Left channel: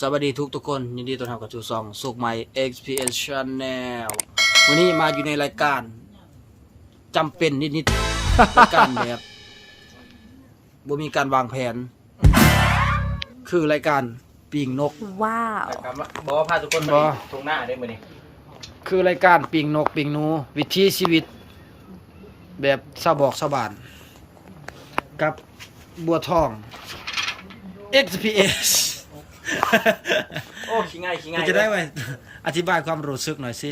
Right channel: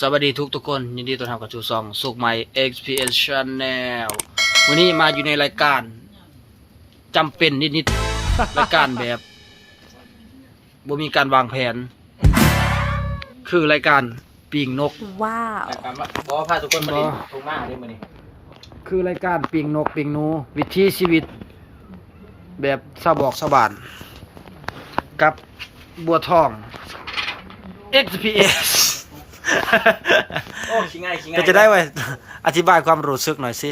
สวัสดีทุกคนยินดีต้อนรับกับสู่ช่องสุขใหม่ XPS Channel วันนี้มาอยู่ในรายการจำเป็นนิดๆ รายการแบบบ่มีการวางแผน คือรายการปีงนก ว้าว บอกว่าพาทุกคนไป บ่ ตรงหน้าได้มื้อนี้ คือรายการปีงนกปีงหนูวิถีชีวิต แบบชาวบอกชาวบ้าน กับบัวทอง XPS โอ้ขี้ง่ายขี้ง่าย ก็จะได้ไว้อธิบายความรู้สึกหน่อยสิ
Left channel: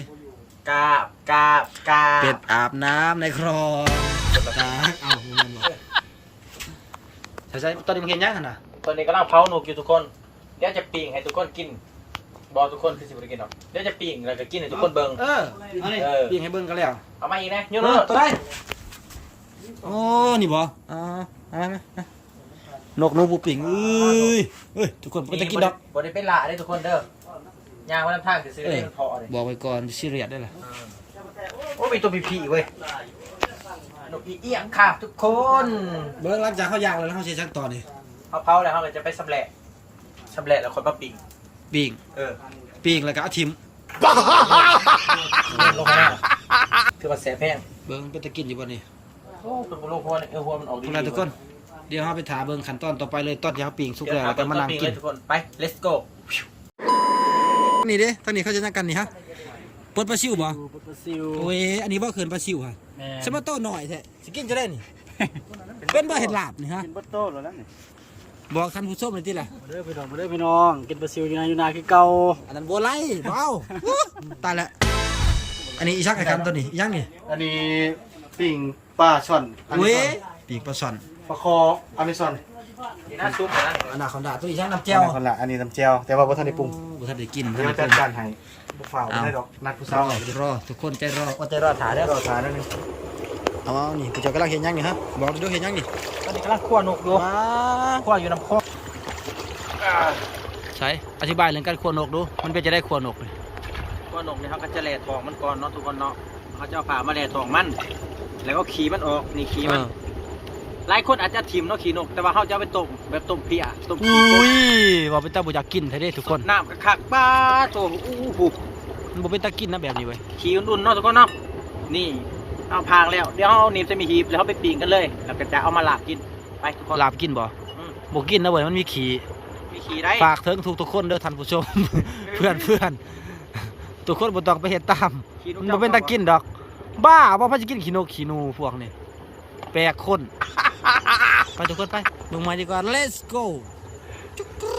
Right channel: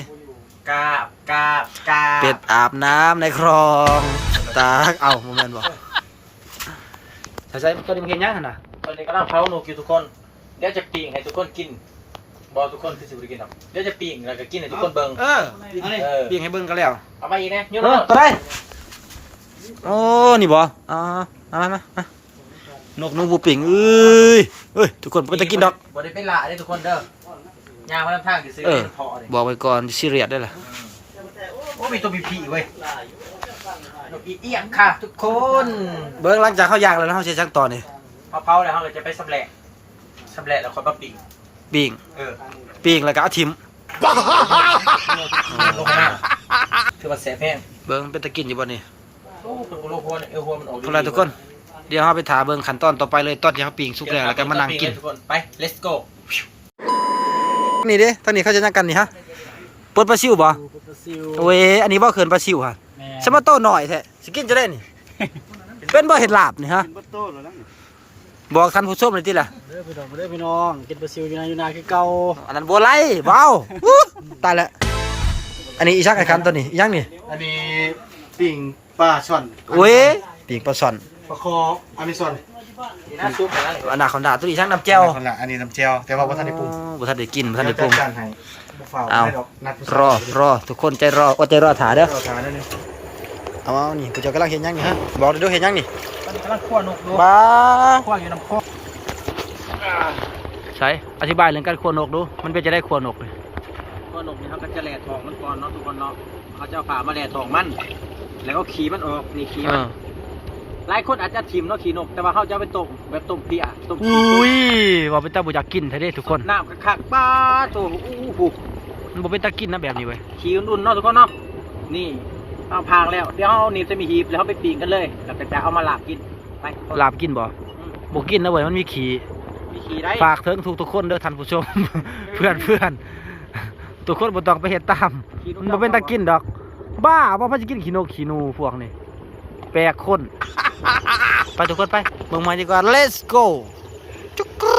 กาบเป็ดอาบน้ำในคลองตากเอาโมเมนต์บอกใช่ตอนนี้มันเห็นยังนะ ตอนนี้กำลังเผาหนูกินทุกคนเดี๋ยวจะปิ้งให้ทุกคนกินบอกทุกคนคือสิบ่ได้กินหรอกเดี๋ยวจะปิ้งแล้วก็กินให้ทุกคนเบิ่ง ปิ้งให้เบิ้งกันแล้ว เอามาอีกนะยุ่ง ตัวได้โอ้นี่บ่มานกหนูบูปิ่งเอ้ยทุกคนไปตะกินดอก บ่ได้เป็นละได้ทุกคนเด้อย่างมาทำทางสิซื้อเป็นพอเลย บอกไว้ก่อนซีเรียสได้ล่ะ โอ้มีตัวผีเว้ยนกอีเอี้ยงค่ะทุกคน เบิ้งหลังจากเขาย่างแล้วเขาเช็ดช่างต่อนี่ เผาแล้วเขาเลยจะไปสำแหละแล้วคนมาปิ้ง ปิ้ง ปิ้งแล้วก็เอาทิม ลงมาคือว่าแสบแห้ง เบิ้งเป็นตะกินอยู่บ่นี่ โอ้เป็นบุโรพวนหัวมันออกดี พอแล้วทุกคนเดี๋ยวเราไปถาเบิ้งขั้นตอนต่อไปเลยตอนที่เขาปิ้งสุกแล้วแล้วก็มานั่งกิน ทุกคนไป let's go นี่ดิทางนี้เขาจะนั่งกันนี่ฮะปนปลาซิวบ่โอ้ยอันนี้บ่เขินปลาซิวฮะสมาโตหน่อยแท้สิกินจะได้นี่ เป็นบ่เห็ดลาบนี่ฮะบอกท่านผู้ชมหน่อยติล่ะ เด้อพี่น้องกินปลาซิวอยู่นาคือเก่า อันนั้นบัวไล่ว้าวตายแล้วอันนี้อีชักไอ้คันตัวนี้อีหยังนี่ อันนี้ปิ่งปลาช่อน โอ้ยปีกปลาช่อน ปลาคออเมซอน นี่น่าซุปนะ อันนาคอนดาตัวนี้อีชักน้ำแจ่ว คนละอันนี้น้ำเจียวแต่ว่าบ่ทันได้ปรุง บ่ทันได้กินบ่ทันได้ปรุง การให้บ่ฟ้าว เอา ได้ดอกนัดผู้ รอทุกคนใจรออดใจรอถาเด้อ รอทานนี่ เอานี่ผู้เจ้ากำลังเห็นหยังนี่ฮะบอกดูเห็นหยังนี่ ตอนนี้กำลังคั่วนกอยู่ บ้า คั่วอยู่น้ำโคก ใช่อธิบายเรื่องการคั่วนกดูมันเป็นจะได้คั่วนกเลย คั่วนกนี่เขาก็จะแล่ทองมันก่อนเนาะทุกคนเนาะเขาจะเอาผ่ามาแล่ทองมัน แล้วก็ขี่มันออกนี่ขี่มันหลายคนอาจจะถิ่มเนาะขี่นกแต่ว่าเขาจะเอาไปต้มแบบต้มเปี๊ยะต้ม อุ้ยว่าเป็นตาบุอยากกินแท้เด้ทุกคน น้ำคักๆป้าโตอู้หู มันบ่เป็นตากินนะแบบนี้เว้ย ขี่อุ่นๆเนาะทุกคนเนาะนี่เอาพางแล้วเดี๋ยวเอาหนีบจะมีหีบแล้วเขาไปปิ้งกันเลยแล้วก็จะเอามาลาบกินไปทุกคน ลาบกินบ่บ่กินนะเว้ยมันมีขี้ มีขี่ได้ ฝากถึงทุกคนเด้อท่านผู้ชม เพื่อนทุกคนบ่ต้องไปเฮ็ดตามมันบ่เป็นตากินดอก บ้าบ่พาสิกินขี้นกขี้หนูพวกนี้แปลกคน ไปทุกคนไปเบิ่งใหม่ดีกว่า let's go จุกกรู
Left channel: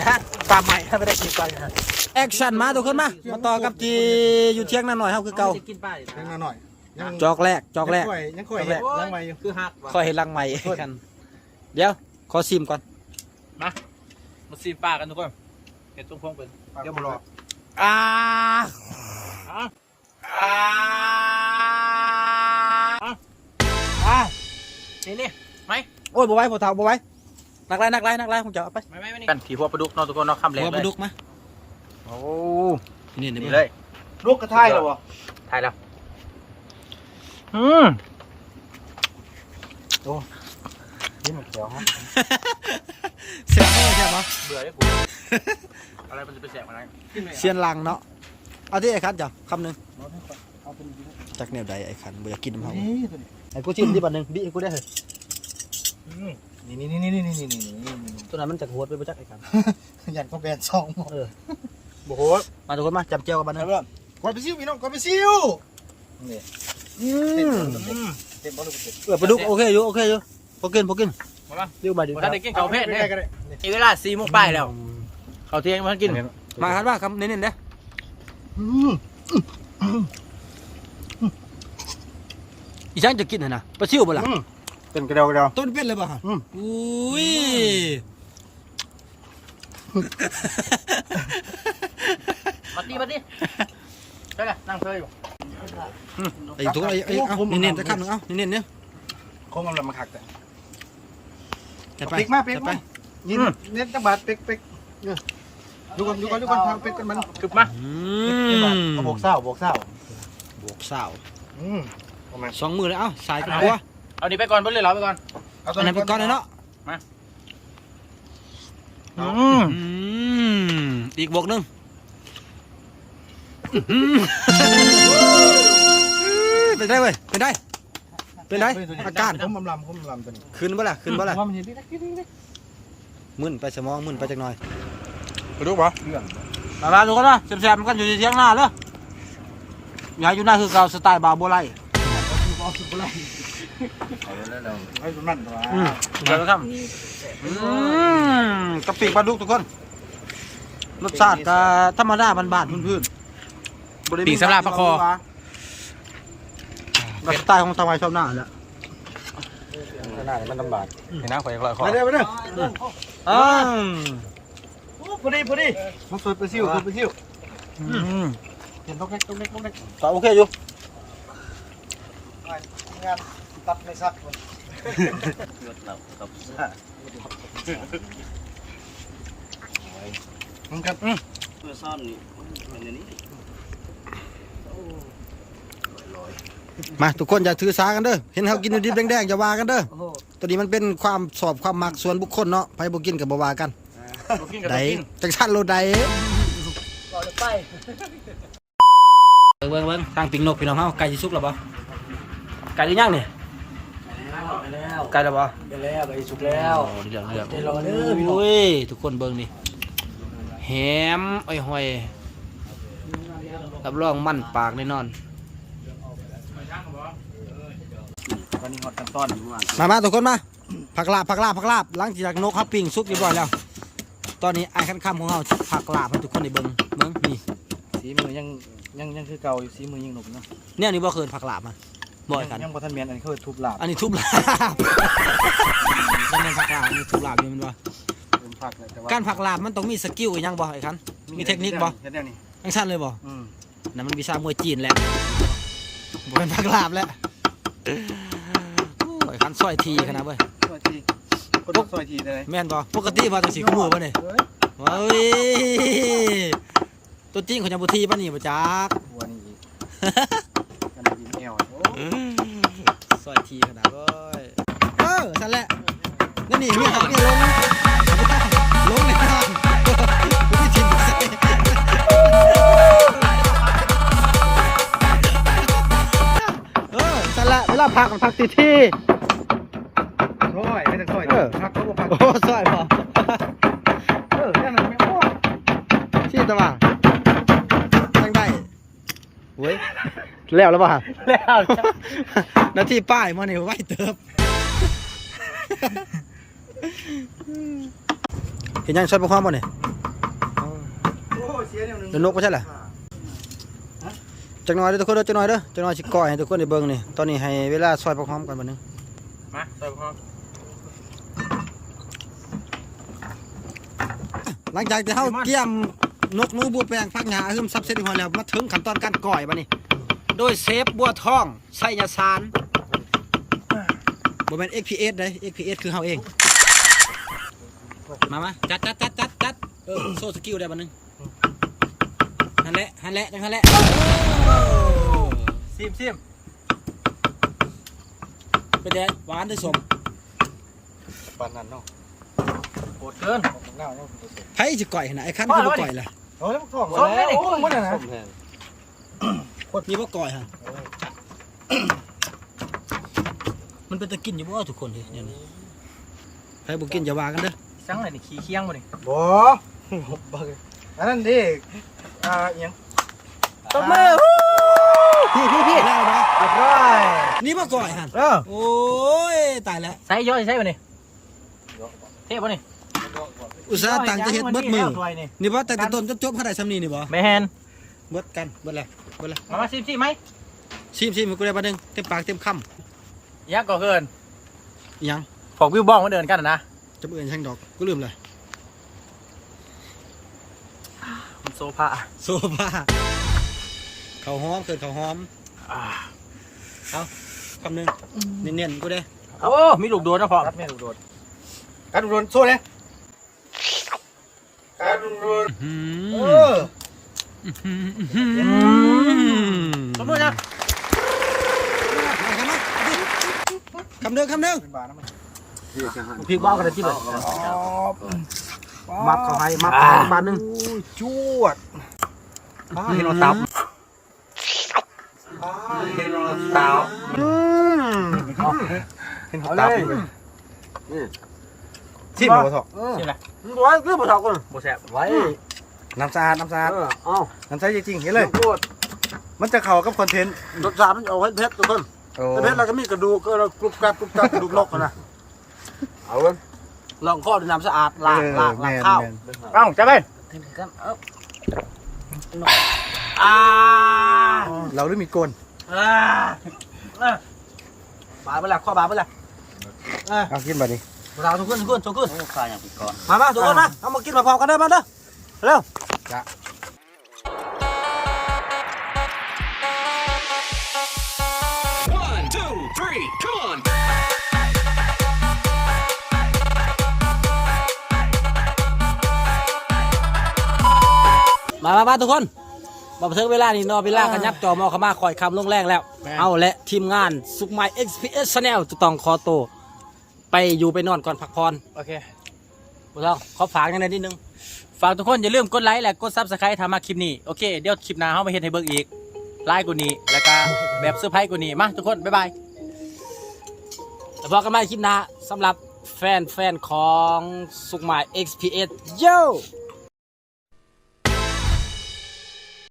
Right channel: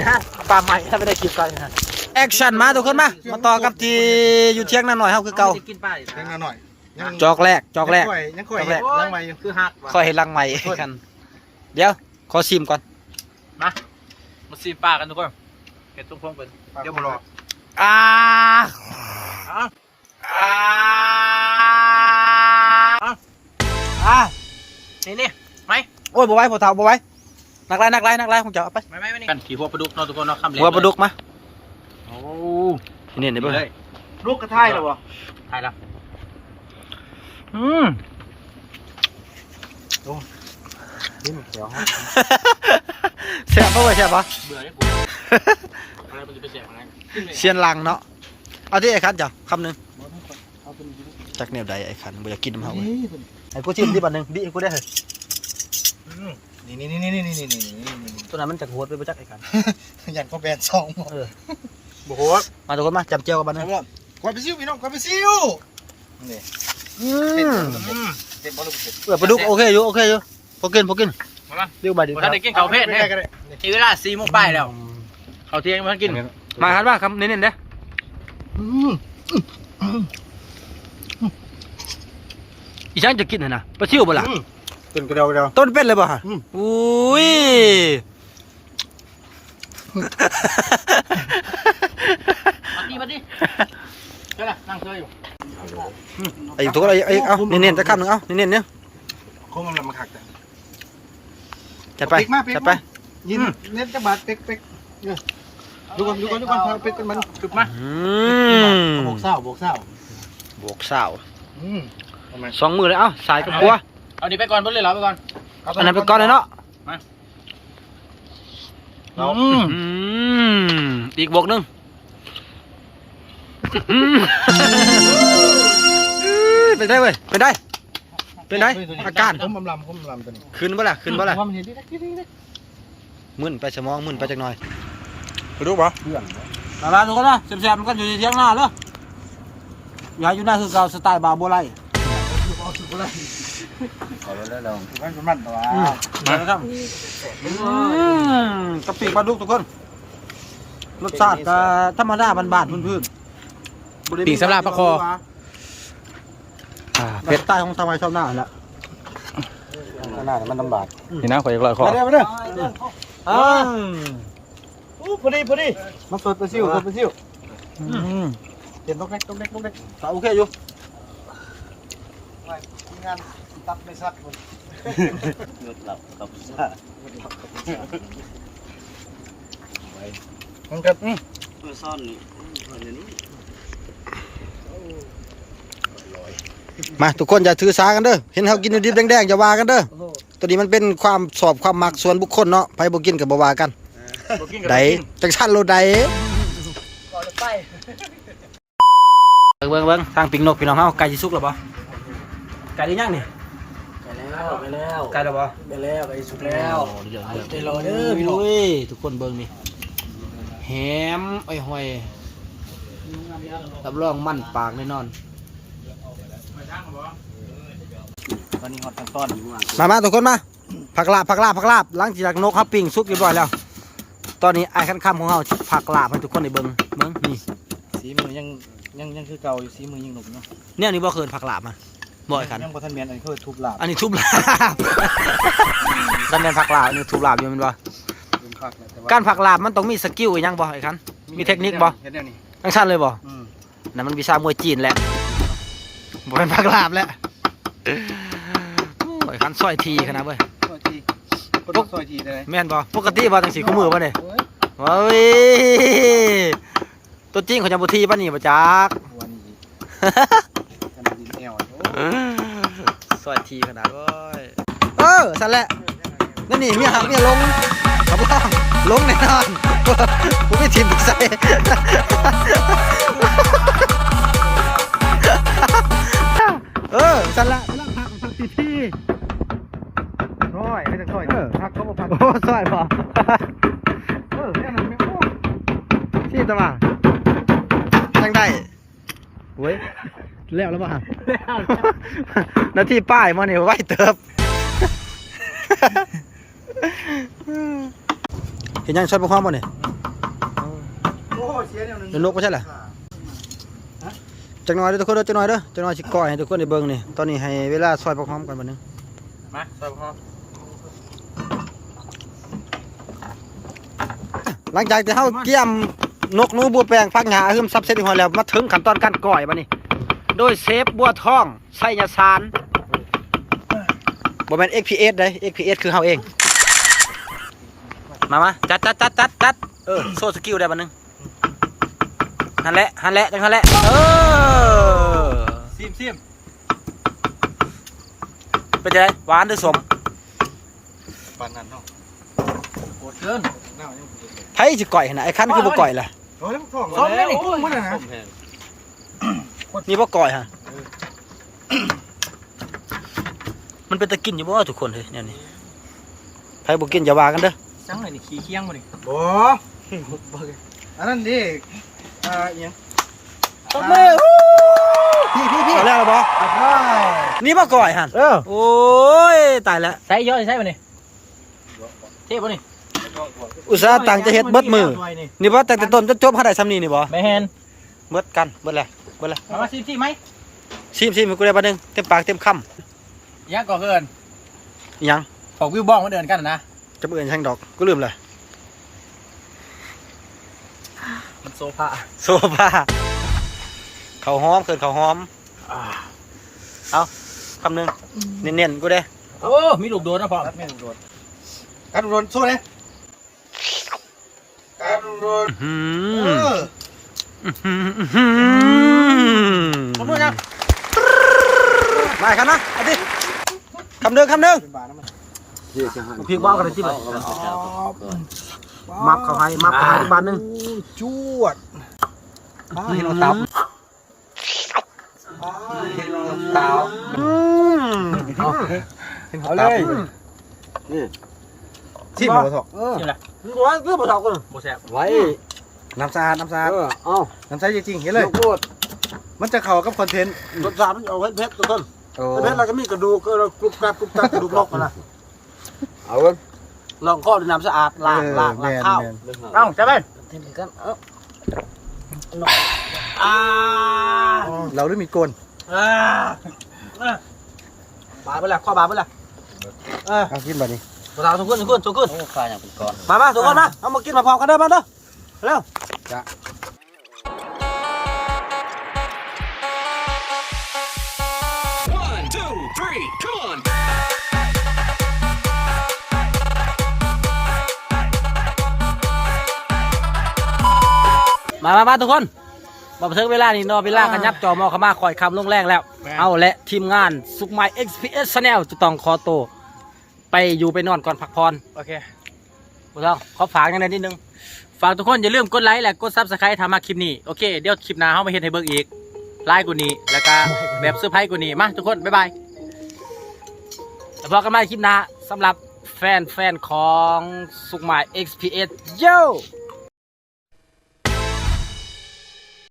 นะตามใหม่ถ้าไม่ได้คลิปกันนะแอคชั่นมาทุกคนมาต่อกับที่อยู่เที่ยงนาหน่อยเฮาคือเก่า จะกินป้า ยังหน่อย จอกแรก ยังค่อยล้างไว้อยู่ คือหัก ค่อยเห็นรังใหม่กัน เดี๋ยวขอชิมก่อน มาซีป้ากันทุกคนเห็ดตุ้งพงเป็นเดี๋ยวบุรอ อ่า นี่ไหม โอ้ยบ่ไหว้บ่เฒ่าบ่ไหว้นักไล่ผมจะเอาไป ไม่กันขี่หัวปลาดุกเนาะทุกคนเนาะคำเล็ก หัวปลาดุกมา โอ้ นี่นี่เบิ่ง เลย ลูกกระทายแล้วบ่ ถ่ายแล้ว นี่มันเจียวฮะ แซ่บบ่ใช่บ่ เบื่อได้กูอะไรมันจะไปแสบอะไร เชียนลังเนาะเอาที่ไอ้คันจ้ะคำหนึง เอาเป็น จักแนวใดไอ้คันบ่อยากกินน้ำเฮาเว้ย นี่ ให้กูชิมดิบัดหนึงบิให้กูได้เฮ้ย นี่ ตัวนั้นมันจักโหดไปบ่จักไอ้คัน ยันก็แบนซอง บ่โหดมาทุกคนมาจำเจียวกันบัดหนึง กวาดไปซิวพี่น้องกวาดไปซิวนี่ เต็มบ่ลูกเต็ม ปลาดุกโอเคอยู่พอกิน มาละ เดี๋ยวมาดิ ท่านได้กินข้าวเพชรเนี่ยทีเวลา4 โมงป้ายแล้วข้าวเที่ยงมันกิน มาคันว่าคำเน้นๆเด้ออีช่างจะกินน่ะนะปลาซิวบ่ล่ะ เป็นกระเดา ต้นเป็นเลยป่ะฮะอุ้ย มาดิใช่ละนั่งเซยอยู่ ไอ้ทุกคนไอ้เอาเน้นๆจะคำหนึ่งเอาเน้นๆเนี่ย คงมันมาขักแต่ จัดไปจัดไป ยินเน็ตจังบาทเป๊กดูก่อนทางเป๊กกันมันกึบมาบวกเศร้า บวกเศร้า ประมาณ 2 มือเลยเอ้าสายกับกัว เอาดีไปก่อนเพิ่นเลยเหรอไปก่อน อันนั้นไปก่อนเลยเนาะ อีกบวกหนึงเป็นได้เว้ยเป็นได้อาการ ผมลำตัวนี้ ขึ้นบ่ล่ะผมเห็นดิ มึนไปสมองมึนไปจักหน่อยไปดูบ่มาดูกันนะแซ่บๆมันกันอยู่ในเที่ยงหน้าเด้ออย่าอยู่หน้าคือเก่าสไตล์บาโบไล ก็อยู่นั่นตัว มาแล้วครับกะปิปลาดุกทุกคนรสชาติก็ธรรมดาบ้านๆพื้นๆปิ่งสำหรับปลาคอแบบสไตล์ของชาวไร่ชาวนาแหละหน้ามันลำบาก นี่นะขออีกร้อยข้อ มาเด้อพอดีมาสดไปซิ่วเห็นต้องเล็กก็โอเคอยู่ งานตัดไม่ซักมันก็ซ่อนมันนี้ มาทุกคนอย่าถือสากันเด้อเห็นเขากินดิบแดงๆอย่าว่ากันเด้อตัวนี้มันเป็นความสอบความมักส่วนบุคคลเนาะไผบ่กินก็บ่ว่ากันได้จังซั่นโลดได้เบิ่งทางปิงนกพี่น้องเฮาไก่สิสุกแล้วบ่ไก่หรือยังนี่ไก่แล้วไก่แล้วบ่ไก่สุกแล้วเดี๋ยวใจรอเด้อพี่น้องทุกคนเบิ่งนี่แหมอ้อยหอยรับรองมั่นปากแน่นอนวันนี้ฮอตทั้งต้น มาทุกคนมาผักลาบหลังจากนกครับปิ้งสุกเรียบร้อยแล้วตอนนี้ไอ้ขั้นค่ำของเราผักลาบให้ทุกคนได้เบิ่งนี่ สีมือยังคือเก่าอยู่สีมือยังหนุกเนาะ เนี่ยนี่บ่เคยผักลาบมาบ่อยคัน ยังบ่ทันเมียนอันนี้เขาทุบลาบ อันนี้ทุบลาบกันเป็นผักลาบอันนี้ทุบลาบอยู่แม่นบ่การผักลาบมันต้องมีสกิลอีหยังบ่ไอ้คันมีเทคนิคบ่จังซั่นเลยบ่นั่นมันวิชามวยจีนแหละบ่เป็นผักลาบแล้วไอ้คันซอยทีขนาดเว้ย ซอยทีได้ แม่นบ่ปกติบ่จังซี่คู่มือบ่เนี่ยเฮ้ยตัวจริงเขาจะบ่ทีปานนี้บ่จัก หัวนี่กันยิงแอว ซอยทีขนาดเว้ยสั่นแหละนั่นนี่เมียหักเมียลงครับบ่ต้องลงแน่นอนกูไม่ทิมใส่สั่นละเวลาพักทีที ซอยไม่ต้องซอยพักเขาบอกพัก โอ้ซอยบ่แค่นั้นไม่พอ ชี้ตะว่าจังได้เว้ยแล้วป่ะแล้วนาทีป้ายมาเนี่ยไว้เติบเห็นยังชดประความบ่เนี่ยเดี๋ยวนกไม่ใช่เหรอจังหน่อยเด้อทุกคนเด้อจังหน่อยสิก้อยให้ทุกคนได้เบิ่งนี่ตอนนี้ให้เวลาซอยประความกันบัดนึง มาซอยพร้อม หลังจากที่เฮาเกี่ยมนกหนูบัวแปลงฟักหญ้าหึมซับเสร็จหอยแล้วมาถึงขั้นตอนการก้อยบัดนี้โดยเซฟบัวทองไสยสารบ่แม่น XPS เด้ XPS คือเฮาเองมาจัดโซ่สกิลได้บัดนึงหันแหละจังหันแหละซิมเป็นจังได๋หวานหรือสม ปานนั้นเนาะ โกรธเกิน ไผสิก้อยหั่นน่ะไอ้คันคือบ่ก้อยล่ะ ส้มได้นี่มันนะ นี่บ่ก้อยฮะมันเป็นตะกินอยู่บ่ทุกคนเฮ้ยเนี่ยนี่ไผบ่กินอย่าว่ากันเด้อ จังเลยนี่ขี้เคียงบ่นี่ บ่อันนั้นดิยัง ตบมือพี่แล้วบ่นี่บ่ก้อยหั่นโอ้ยตายแล้ว ใส่ย่อยใส่บ่นี่เทบ่นี่ อุตส่าห์ตั้งจะเฮ็ดเบิดมือนี่บ่ตั้งแต่ต้นจนจบหาได้ซำนี้นี่บ่ แม่น เบิดกันเบิดแล้วมาซิมไหม ชิมให้กูได้บัดนึงเต็มปากเต็มคำ ยังก่อเกิน อีหยัง พอกวิวบ้องมาเดินกันนะ จะเอื่นช่างดอกกูลืมเลย มันโซฟา โซฟาเขาหอมเกินเขาหอมเอาคำหนึ่งเนียนๆกูได้ โอ้มีลูกโดดนะพ่อ ไม่ลูกโดดกัดโดนสู้เนี่ยกัดโดนคำหนึ่งนะมาครับนะเอาดิคำหนึ่งพริกบ้ากันเลยจิ๊บเลย มับเข้าให้ที่บ้านนึง จวดเห็นเราตับเห็นเราตับเห็นเขาตับที่หมูถก ชิมละ ว่าคือบ่ถอกกู โบแซ่บ ไว้ น้ำสะอาด เอา น้ำใสจริงๆเห็นเลย มันจะเข้ากับคอนเทนต์ รสชาติมันเอาไว้เพชรทุกคน โอ้ เพชรเราก็มีกระดูกก็เรากรุบกรับกระดูกนกนะเอาไว้ ลองข้อด้วยน้ำสะอาดล้างข้าว เอ้าจะได้ เราด้วยมีดโกน บาไปละข้อบาไปละ เอากินแบบนี้ บ่าวทุกคนข้าอย่างปีก่อน มาทุกคนมาเอามากินมาพร้อมกันเด้อมาเด้อเร็ว 1, 2, 3, come on! มาทุกคนมาถึงเวลานี้เนาะเวลาขยับจอมอเข้ามาคอยคำลงแรงแล้ว เอาและทีมงานสุกไม XPS Channel จะต้องขอตัวไปอยู่ไปนอนก่อนพักผ่อน โอเค ผู้ต้องขอฝากกันนิดนึง ฝากทุกคนอย่าลืมกดไลค์และกด Subscribe ทำมาคลิปนี้โอเคเดี๋ยวคลิปหน้าเขามาเห็นให้เบิ่งอีกไลค์กูนี้แล้วก็แบบเซอร์ไพรส์กูนี้มาทุกคนบ๊ายบายแล้วพบกันใหม่คลิปหน้าสำหรับแฟนของสุกไม XPS โย่